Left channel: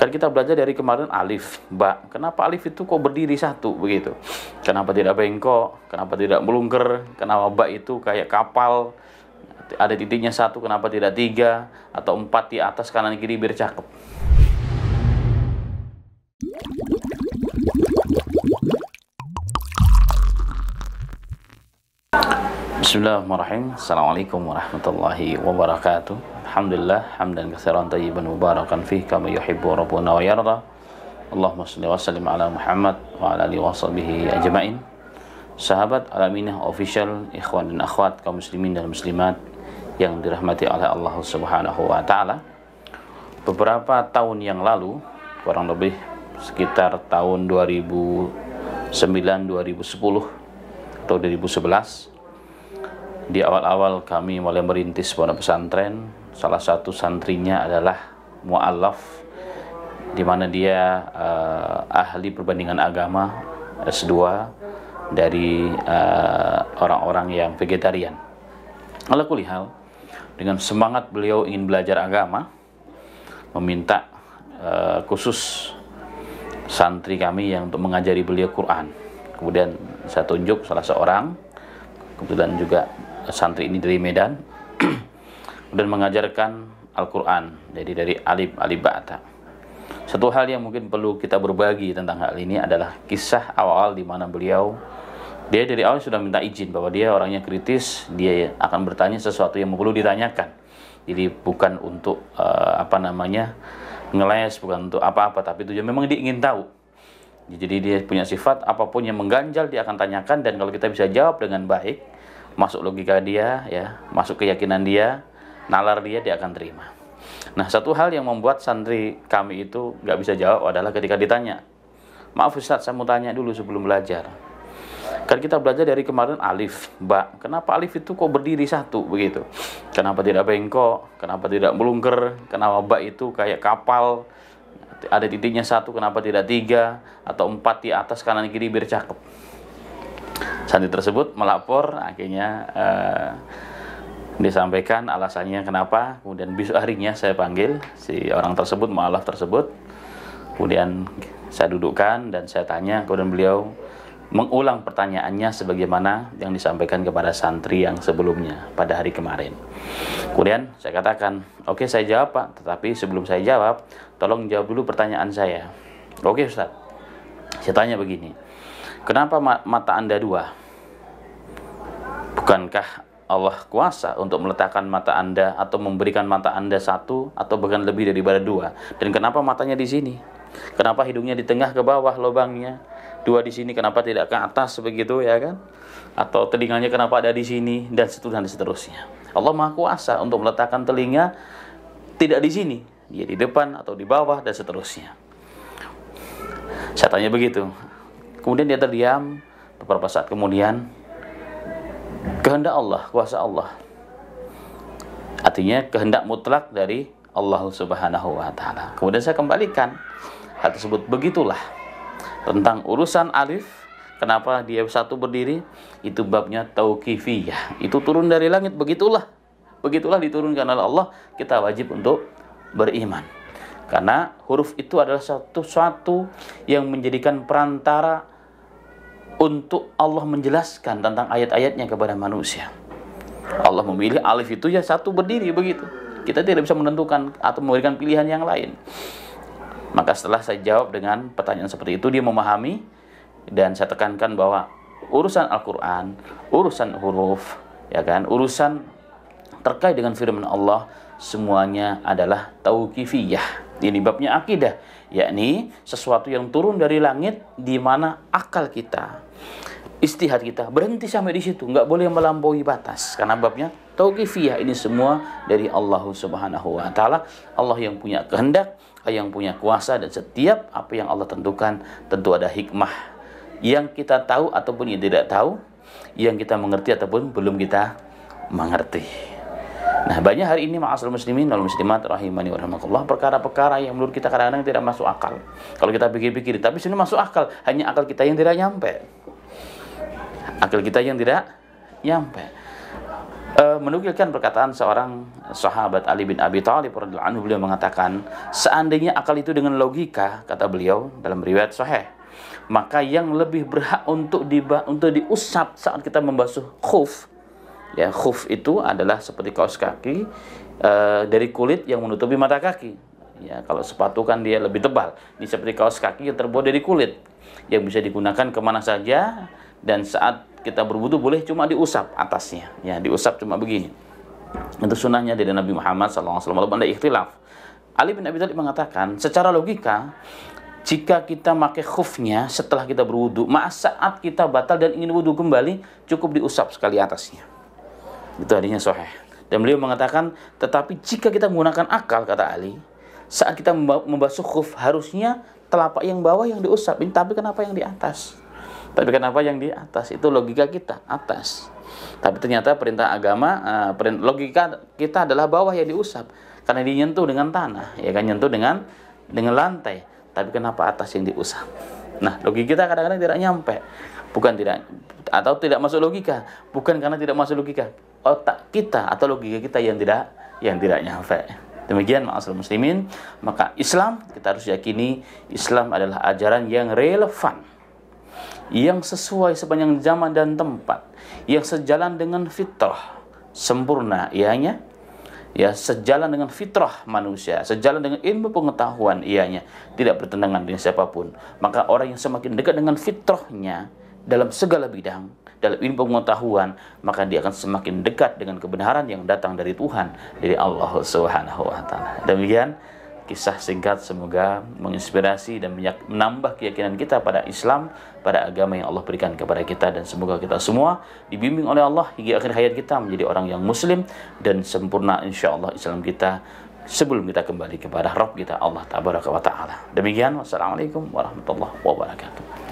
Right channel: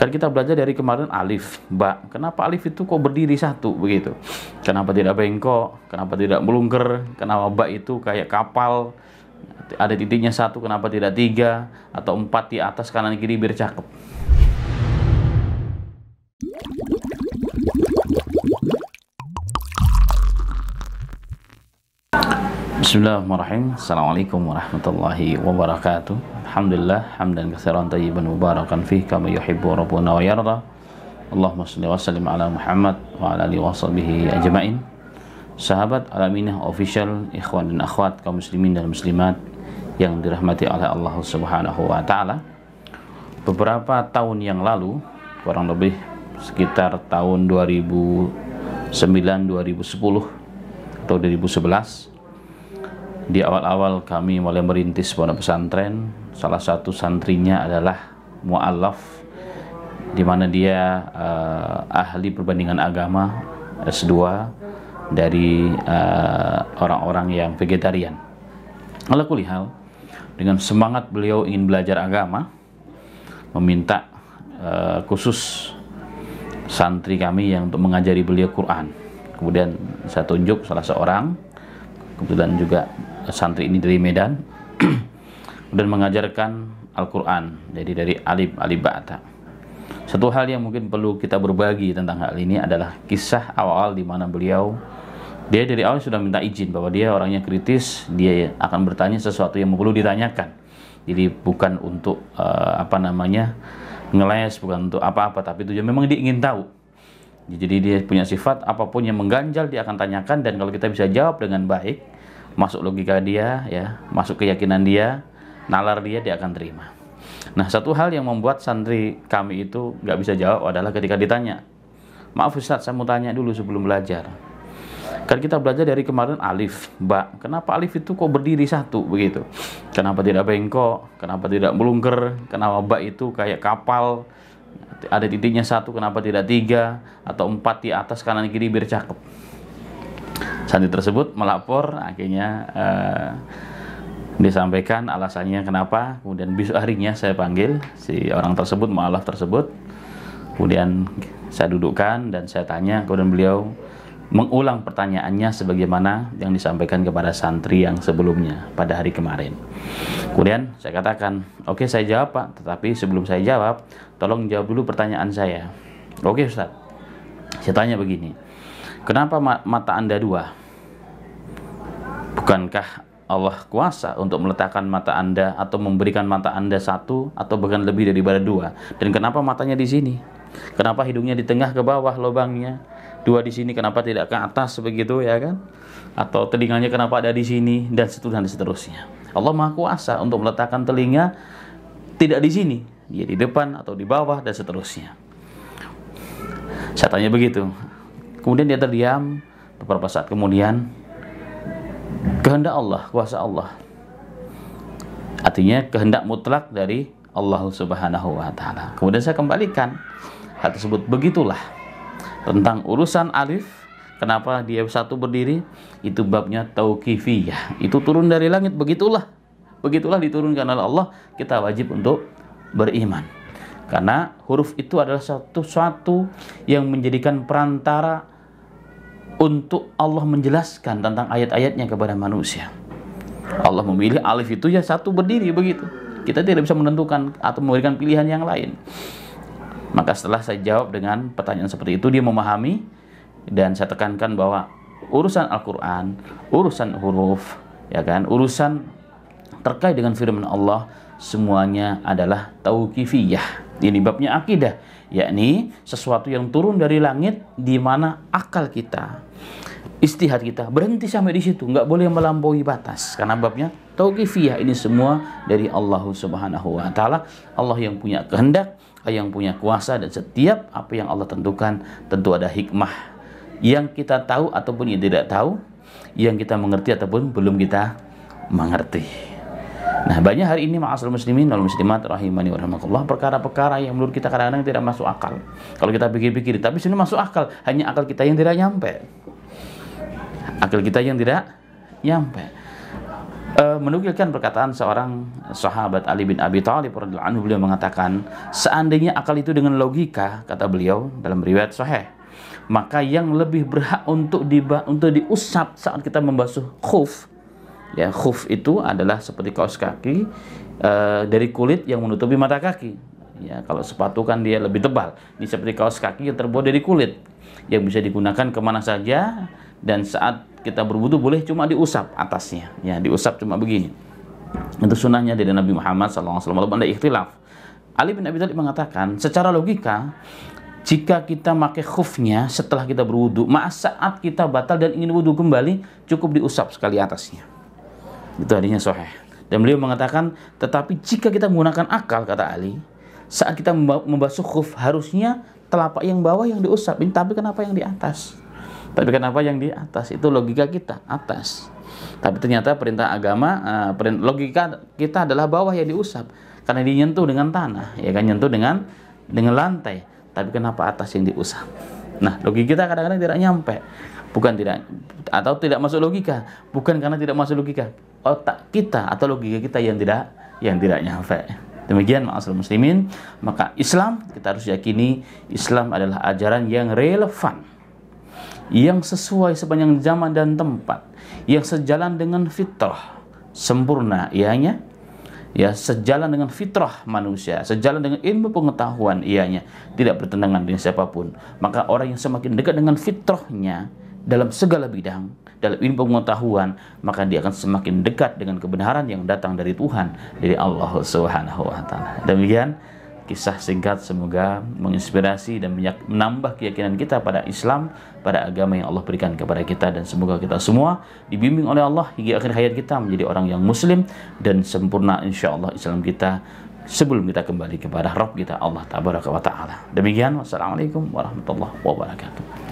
Kan kita belajar dari kemarin alif, ba. Kenapa alif itu kok berdiri satu begitu? Kenapa tidak bengkok? Kenapa tidak melungker? Kenapa ba itu kayak kapal? Ada titiknya satu, kenapa tidak tiga? Atau empat di atas kanan kiri biar cakep. Bismillahirrahmanirrahim. Assalamualaikum warahmatullahi wabarakatuh. Alhamdulillah hamdan katsiran thayyiban mubarakan fih kama yuhibbu rabbuna wa yarda. Allahumma shalli wa sallim ala Muhammad wa ala alihi washabihi ajmain. Sahabat Alaminah Official, ikhwan dan akhwat kaum muslimin dan muslimat yang dirahmati oleh Allah Subhanahu wa taala. Beberapa tahun yang lalu, kurang lebih sekitar tahun 2009, 2010 atau 2011, di awal-awal kami mulai merintis pondok pesantren. Salah satu santrinya adalah mu'allaf, di mana dia ahli perbandingan agama S2 dari orang-orang yang vegetarian. Ala kulli hal, dengan semangat beliau ingin belajar agama, meminta khusus santri kami yang untuk mengajari beliau Quran. Kemudian saya tunjuk salah seorang, kebetulan juga santri ini dari Medan, dan mengajarkan Al-Quran, jadi dari alif ba'ta. Satu hal yang mungkin perlu kita berbagi tentang hal ini adalah kisah awal di mana dia dari awal sudah minta izin bahwa dia orangnya kritis, dia akan bertanya sesuatu yang perlu ditanyakan. Jadi bukan untuk ngeles, bukan untuk apa-apa, tapi tujuan memang dia ingin tahu. Jadi dia punya sifat apapun yang mengganjal dia akan tanyakan, dan kalau kita bisa jawab dengan baik, masuk logika dia, ya, masuk keyakinan dia, nalar dia akan terima. Nah, satu hal yang membuat santri kami itu nggak bisa jawab adalah ketika ditanya, maaf Ustaz, saya mau tanya dulu sebelum belajar. Kan kita belajar dari kemarin alif, ba. Kenapa alif itu kok berdiri satu begitu? Kenapa tidak bengkok? Kenapa tidak melungker? Kenapa ba itu kayak kapal? Ada titiknya satu, kenapa tidak tiga? Atau empat di atas kanan kiri biar cakep. Santri tersebut melapor, akhirnya disampaikan alasannya kenapa. Kemudian besok harinya saya panggil si orang tersebut, mu'alaf tersebut. Kemudian saya dudukkan dan saya tanya, kemudian beliau mengulang pertanyaannya sebagaimana yang disampaikan kepada santri yang sebelumnya pada hari kemarin. Kemudian saya katakan, oke, saya jawab Pak, tetapi sebelum saya jawab, tolong jawab dulu pertanyaan saya. Oke Ustaz, saya tanya begini, kenapa mata Anda dua? Bukankah Allah kuasa untuk meletakkan mata Anda atau memberikan mata Anda satu atau bahkan lebih daripada dua? Dan kenapa matanya di sini? Kenapa hidungnya di tengah ke bawah lubangnya? Dua di sini, kenapa tidak ke atas begitu, ya kan? Atau telinganya kenapa ada di sini, dan seterusnya. Allah Maha Kuasa untuk meletakkan telinga tidak di sini, dia di depan atau di bawah dan seterusnya. Saya tanya begitu. Kemudian dia terdiam. Beberapa saat kemudian, kehendak Allah, kuasa Allah. Artinya kehendak mutlak dari Allah Subhanahu wa taala. Kemudian saya kembalikan hal tersebut. Begitulah tentang urusan alif, kenapa dia satu berdiri, itu babnya tauqifiyah. Itu turun dari langit, begitulah diturunkan oleh Allah, kita wajib untuk beriman. Karena huruf itu adalah sesuatu yang menjadikan perantara untuk Allah menjelaskan tentang ayat-ayatnya kepada manusia. Allah memilih alif itu ya satu berdiri begitu. Kita tidak bisa menentukan atau memberikan pilihan yang lain. Maka setelah saya jawab dengan pertanyaan seperti itu, dia memahami, dan saya tekankan bahwa urusan Al-Quran, urusan huruf, ya kan, urusan terkait dengan firman Allah, semuanya adalah tauqifiyah. Ini babnya akidah, yakni sesuatu yang turun dari langit, di mana akal kita, istihad kita berhenti sampai di situ, nggak boleh melampaui batas, karena babnya tauqifiyah. Ini semua dari Allah Subhanahu wa taala. Allah yang punya kehendak, yang punya kuasa, dan setiap apa yang Allah tentukan tentu ada hikmah yang kita tahu ataupun yang tidak tahu, yang kita mengerti ataupun belum kita mengerti. Nah, banyak hari ini ma'asyiral muslimin wal muslimat rahimani wa rahimakumullah, perkara-perkara yang menurut kita kadang-kadang tidak masuk akal. Kalau kita pikir-pikir, tapi sini masuk akal, hanya akal kita yang tidak nyampe. Akal kita yang tidak nyampe. menukilkan perkataan seorang sahabat Ali bin Abi Thalib radhiyallahu anhu, beliau mengatakan, seandainya akal itu dengan logika, kata beliau dalam riwayat sahih, maka yang lebih berhak untuk diusap saat kita membasuh khuf, ya, khuf itu adalah seperti kaos kaki dari kulit yang menutupi mata kaki. Ya, kalau sepatu kan dia lebih tebal, ini seperti kaos kaki yang terbuat dari kulit yang bisa digunakan kemana saja, dan saat kita berwudu boleh cuma diusap atasnya, ya, diusap cuma begini. Itu sunnahnya dari Nabi Muhammad SAW. Walaupun ada ikhtilaf. Ali bin Abi Thalib mengatakan, secara logika, jika kita pakai khufnya setelah kita berwudu, saat kita batal dan ingin wudu kembali, cukup diusap sekali atasnya. Itu hadisnya sahih. Dan beliau mengatakan, tetapi jika kita menggunakan akal, kata Ali, saat kita membasuh khuf, harusnya telapak yang bawah yang diusap. Tapi kenapa yang di atas? Itu logika kita, atas. Tapi ternyata perintah agama, logika kita adalah bawah yang diusap, karena dinyentuh dengan tanah, ya kan, nyentuh dengan lantai. Tapi kenapa atas yang diusap? Nah, logika kita kadang-kadang tidak nyampe. Atau tidak masuk logika. Bukan karena tidak masuk logika. Otak kita atau logika kita yang tidak nyampe. Demikian ma'asyiral muslimin, maka Islam, kita harus yakini Islam adalah ajaran yang relevan, yang sesuai sepanjang zaman dan tempat, yang sejalan dengan fitrah sempurna ianya, ya, sejalan dengan fitrah manusia, sejalan dengan ilmu pengetahuan ianya, tidak bertentangan dengan siapapun. Maka orang yang semakin dekat dengan fitrahnya dalam segala bidang, dalam ilmu pengetahuan, maka dia akan semakin dekat dengan kebenaran yang datang dari Tuhan, dari Allah Subhanahu wa taala. Demikian kisah singkat, semoga menginspirasi dan menambah keyakinan kita pada Islam, pada agama yang Allah berikan kepada kita, dan semoga kita semua dibimbing oleh Allah hingga akhir hayat kita menjadi orang yang muslim dan sempurna insyaallah Islam kita sebelum kita kembali kepada Rabb kita Allah tabaraka wa taala. Demikian, wassalamualaikum warahmatullahi wabarakatuh.